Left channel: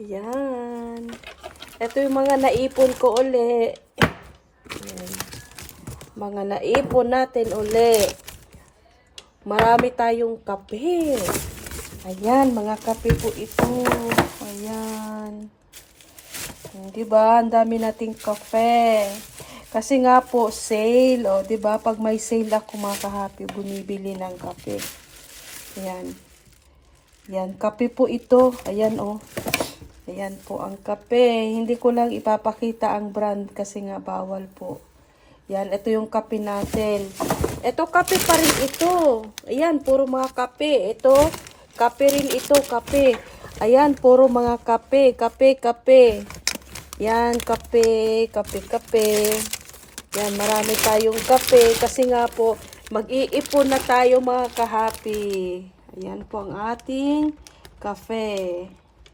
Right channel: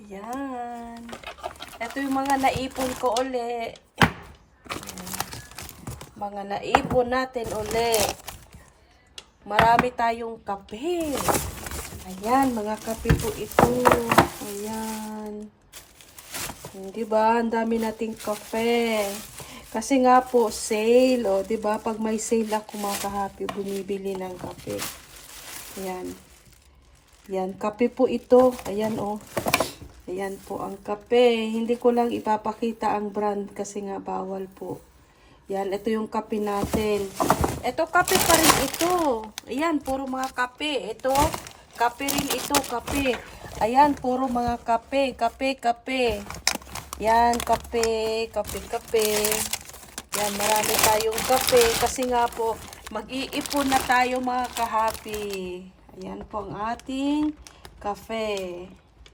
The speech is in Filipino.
Yan. Ito yung mga naipon ko uli. Yan. Mga naipon natin uli. Marami tayong kape. Ayan, mga kape po ito. Ayan. Diba? Ang dami nating kape. Kasi nga po, sale. O, diba? Pag may sale ako mga kahapi, bumibili ng kape. Ayan. Yan, kape po ito. Ayan, o. Ayan po ang kape. Hindi ko lang ipapakita ang brand kasi nga bawal po. Yan, ito yung kape natin. Ito, kape pa rin ito. Ayan, puro mga kape. Ito, kape rin ito, kape. Ayan, puro mga kape, kape. Yan, kape. Yan, marami tayong kape. Kasi nga po, mag-iipon na tayo mga kahapi. Ayan po ang ating kape.